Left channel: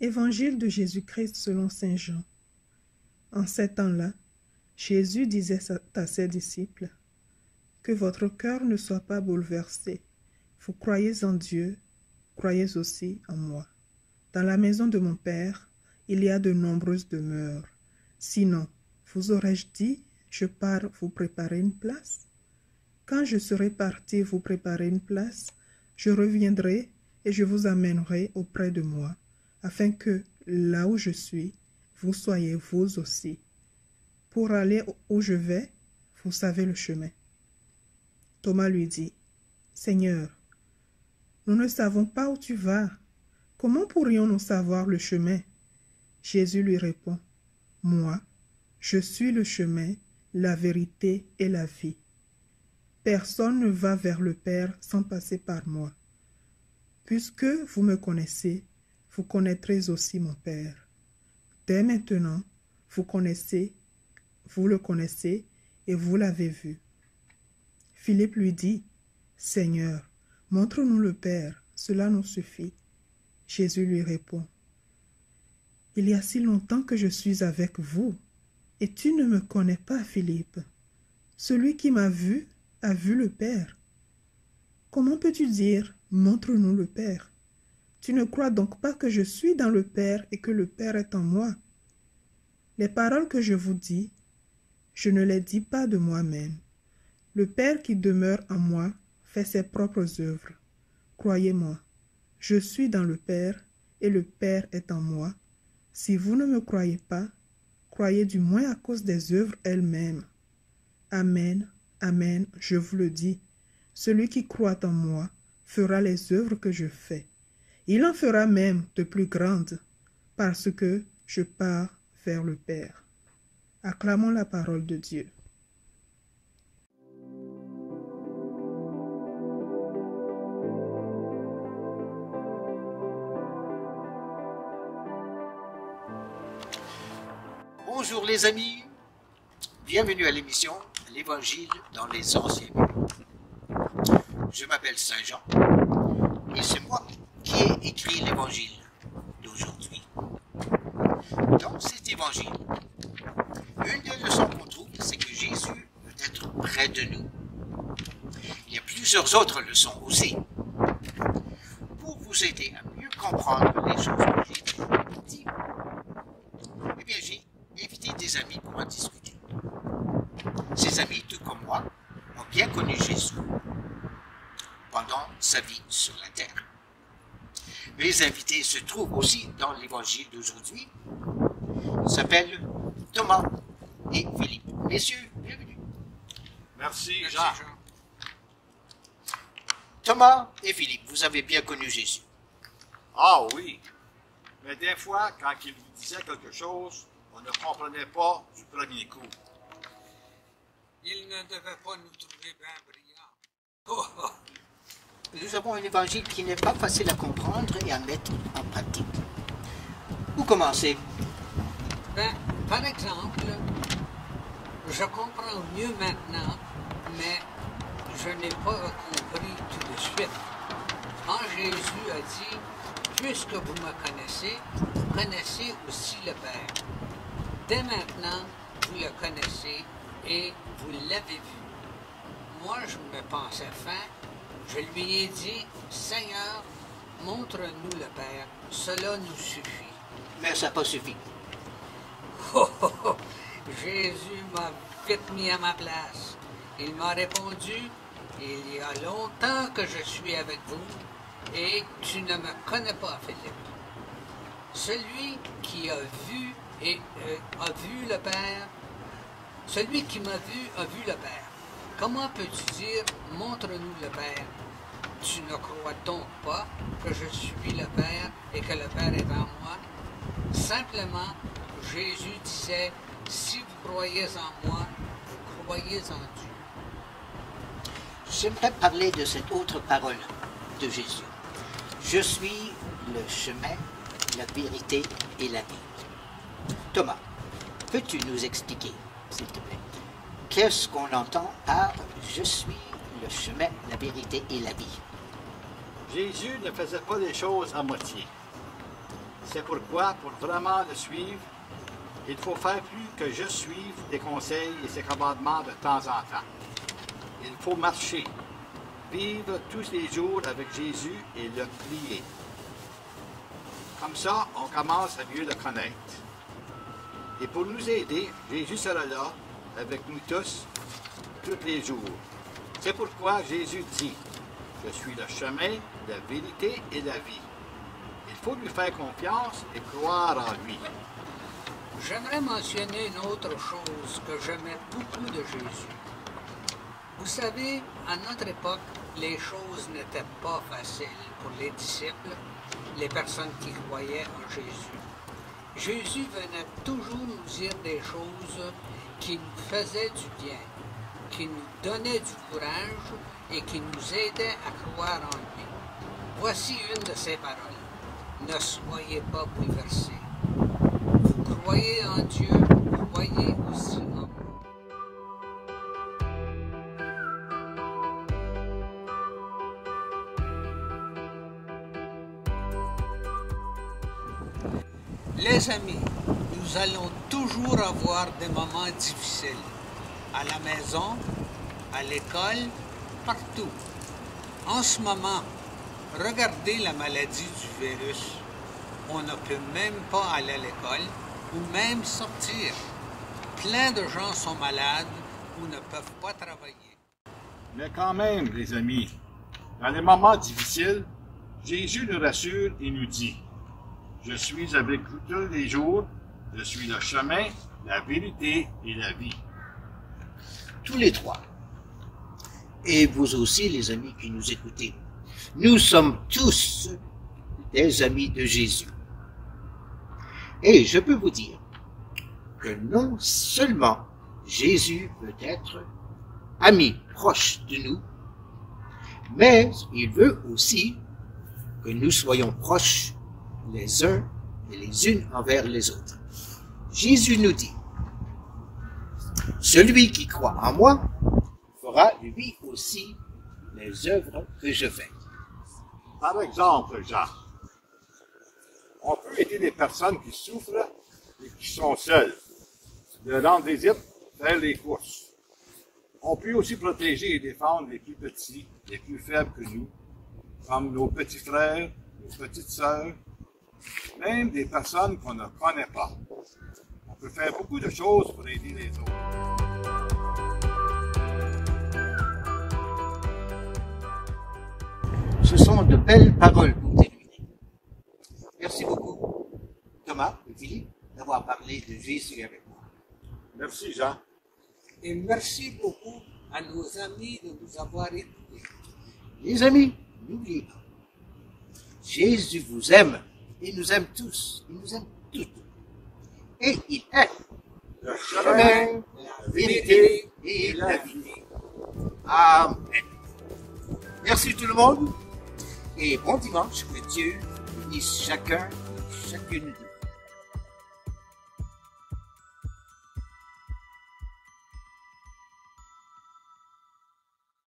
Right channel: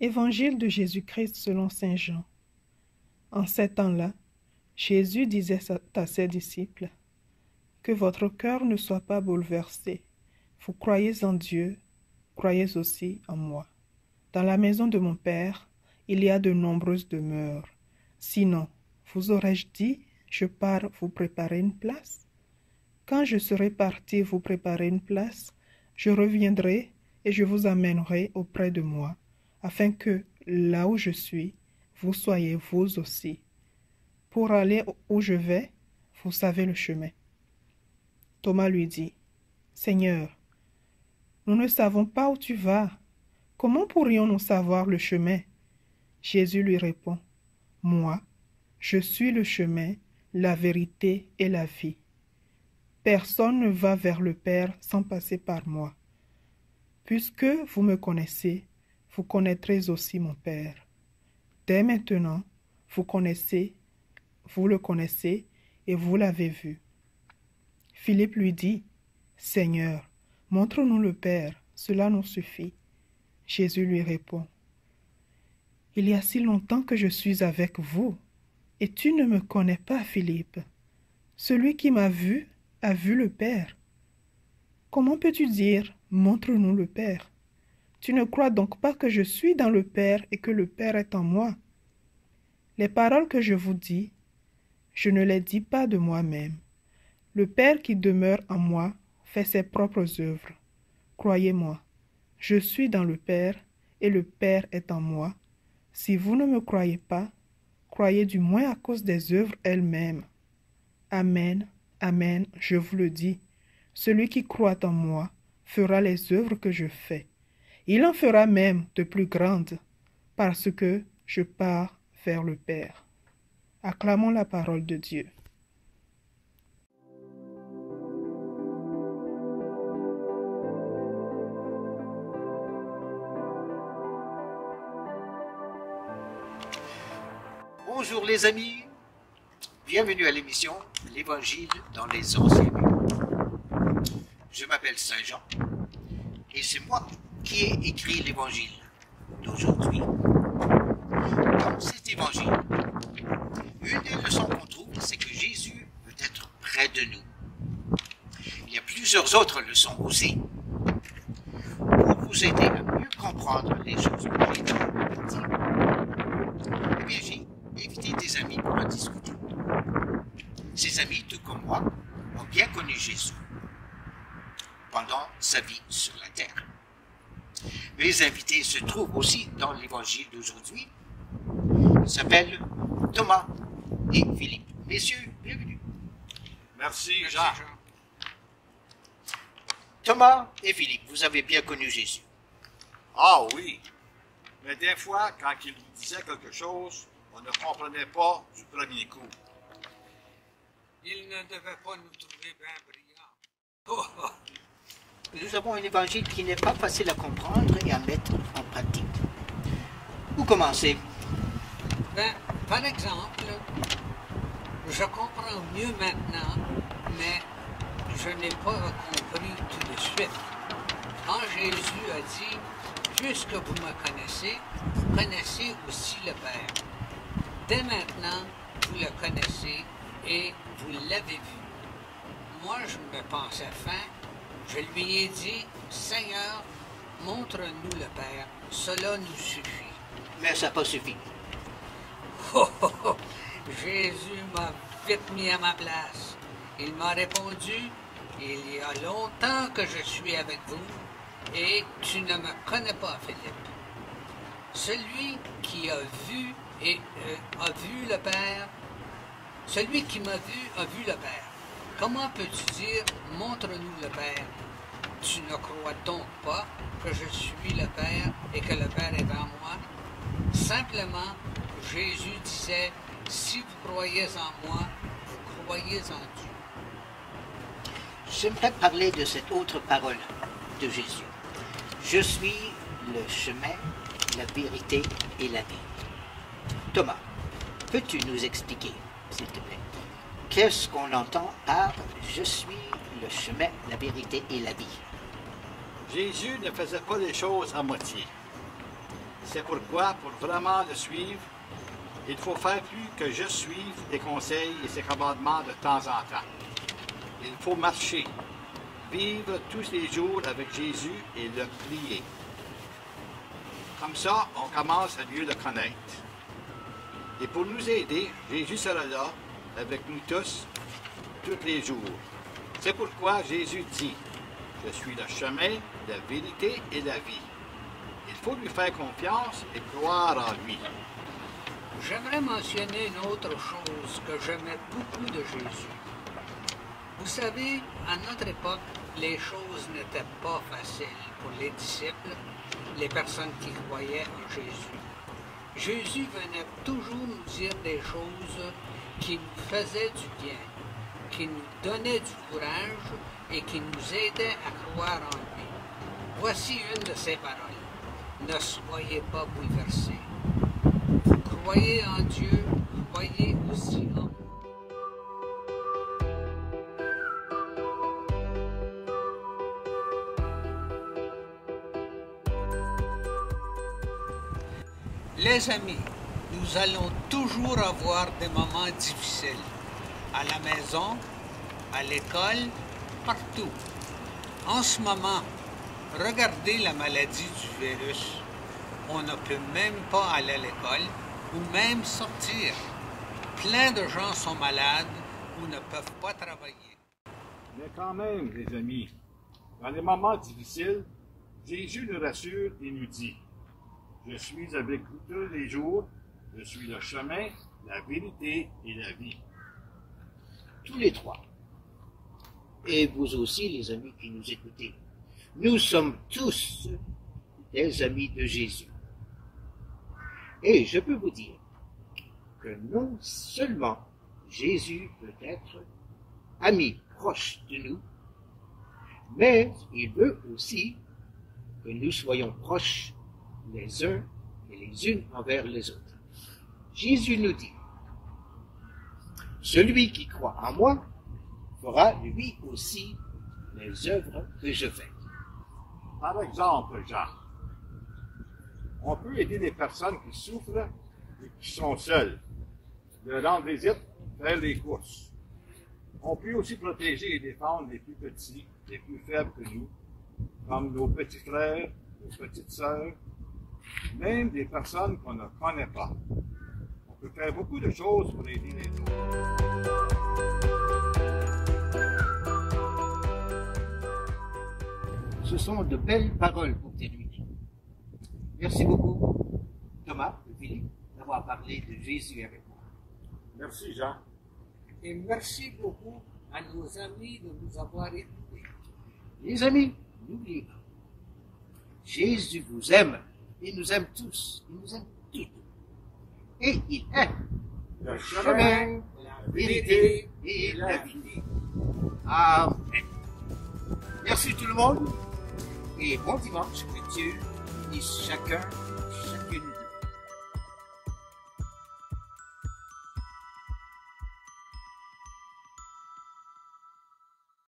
Évangile de Jésus-Christ selon saint Jean. En ces temps-là, Jésus disait à ses disciples, « Que votre cœur ne soit pas bouleversé. Vous croyez en Dieu, croyez aussi en moi. Dans la maison de mon Père, il y a de nombreuses demeures. Sinon, vous aurais-je dit, je pars vous préparer une place? Quand je serai parti vous préparer une place, je reviendrai et je vous amènerai auprès de moi, afin que, là où je suis, vous soyez vous aussi. Pour aller où je vais, vous savez le chemin. » Thomas lui dit, « Seigneur, nous ne savons pas où tu vas. Comment pourrions-nous savoir le chemin? » Jésus lui répond, « Moi, je suis le chemin, la vérité et la vie. Personne ne va vers le Père sans passer par moi. Puisque vous me connaissez, vous connaîtrez aussi mon Père. Dès maintenant, vous le connaissez et vous l'avez vu. » Philippe lui dit, « Seigneur, montre-nous le Père, cela nous suffit. » Jésus lui répond, « Il y a si longtemps que je suis avec vous, et tu ne me connais pas, Philippe. Celui qui m'a vu a vu le Père. Comment peux-tu dire, montre-nous le Père? Tu ne crois donc pas que je suis dans le Père et que le Père est en moi? Les paroles que je vous dis, je ne les dis pas de moi-même. Le Père qui demeure en moi fait ses propres œuvres. Croyez-moi, je suis dans le Père et le Père est en moi. Si vous ne me croyez pas, croyez du moins à cause des œuvres elles-mêmes. Amen, amen, je vous le dis. Celui qui croit en moi fera les œuvres que je fais. Il en fera même de plus grandes, parce que je pars vers le Père. » Acclamons la parole de Dieu. Bonjour les amis, bienvenue à l'émission L'Évangile dans les Anciens Lieux. Je m'appelle Saint Jean et c'est moi qui ai écrit l'Évangile d'aujourd'hui. Dans cet Évangile, une des leçons qu'on trouve, c'est que Jésus veut être près de nous. Il y a plusieurs autres leçons aussi. Pour vous aider à mieux comprendre les choses que j'ai dit, eh bien j'ai invité des amis pour en discuter. Ces amis, tout comme moi, ont bien connu Jésus pendant sa vie sur la terre. Mes invités se trouvent aussi dans l'évangile d'aujourd'hui. Ils s'appellent Thomas et Philippe. Messieurs, bienvenue. Merci, Jean. Thomas et Philippe, vous avez bien connu Jésus. Ah oui, mais des fois, quand il nous disait quelque chose, on ne comprenait pas du premier coup. Il ne devait pas nous trouver bien brillants. Nous avons un évangile qui n'est pas facile à comprendre et à mettre en pratique. Où commencer? Par exemple, je comprends mieux maintenant, mais je n'ai pas compris tout de suite. Quand Jésus a dit, « Puisque vous me connaissez, vous connaissez aussi le Père. Dès maintenant, vous le connaissez et vous l'avez vu. » Moi, je me pensais fin. Je lui ai dit, « Seigneur, montre-nous le Père. Cela nous suffit. » Mais ça n'a pas suffi. Jésus m'a vite mis à ma place. Il m'a répondu, « Il y a longtemps que je suis avec vous, et tu ne me connais pas, Philippe. Celui qui a vu a vu le Père. Celui qui m'a vu a vu le Père. Comment peux-tu dire, montre-nous le Père? Tu ne crois donc pas que je suis le Père et que le Père est en moi? » Simplement, Jésus disait, « Si vous croyez en moi, vous croyez en Dieu. » J'aimerais parler de cette autre parole de Jésus. Je suis le chemin, la vérité et la vie. Thomas, peux-tu nous expliquer, s'il te plaît, qu'est-ce qu'on entend par « Je suis le chemin, la vérité et la vie ». Jésus ne faisait pas les choses à moitié. C'est pourquoi, pour vraiment le suivre, il faut faire plus que je suive les conseils et ses commandements de temps en temps. Il faut marcher, vivre tous les jours avec Jésus et le prier. Comme ça, on commence à mieux le connaître. Et pour nous aider, Jésus sera là avec nous tous les jours. C'est pourquoi Jésus dit, « Je suis le chemin, la vérité et la vie. » Il faut lui faire confiance et croire en lui. J'aimerais mentionner une autre chose que j'aimais beaucoup de Jésus. Vous savez, à notre époque, les choses n'étaient pas faciles pour les disciples, les personnes qui croyaient en Jésus. Jésus venait toujours nous dire des choses qui nous faisaient du bien, qui nous donnaient du courage et qui nous aidaient à croire en lui. Voici une de ses paroles. Ne soyez pas bouleversés. Vous croyez en Dieu, croyez aussi en moi. Les amis, nous allons toujours avoir des moments difficiles. À la maison, à l'école, partout. En ce moment, regardez la maladie du virus. On ne peut même pas aller à l'école ou même sortir. Plein de gens sont malades ou ne peuvent pas travailler. Mais quand même, les amis, dans les moments difficiles, Jésus nous rassure et nous dit, « Je suis avec vous tous les jours, je suis le chemin, la vérité et la vie. » Tous les trois. Et vous aussi, les amis qui nous écoutez. Nous sommes tous des amis de Jésus. Et je peux vous dire que non seulement Jésus peut être ami proche de nous, mais il veut aussi que nous soyons proches les uns et les unes envers les autres. Jésus nous dit, « Celui qui croit en moi fera lui aussi les œuvres que je fais. » Par exemple, Jean, on peut aider les personnes qui souffrent et qui sont seules, leur rendre visite, faire les courses. On peut aussi protéger et défendre les plus petits, les plus faibles que nous, comme nos petits frères, nos petites sœurs, même des personnes qu'on ne connaît pas. On peut faire beaucoup de choses pour aider les autres. Ce sont de belles paroles pour terminer. Merci beaucoup, Thomas et Philippe, d'avoir parlé de Jésus avec moi. Merci, Jean. Et merci beaucoup à nos amis de nous avoir écoutés. Les amis, n'oubliez pas, Jésus vous aime et nous aime tous, il nous aime toutes. Et il est Le chemin, la vérité et la vie. Amen. Merci tout le monde et bon dimanche, que Dieu bénisse chacun et chacune de vous.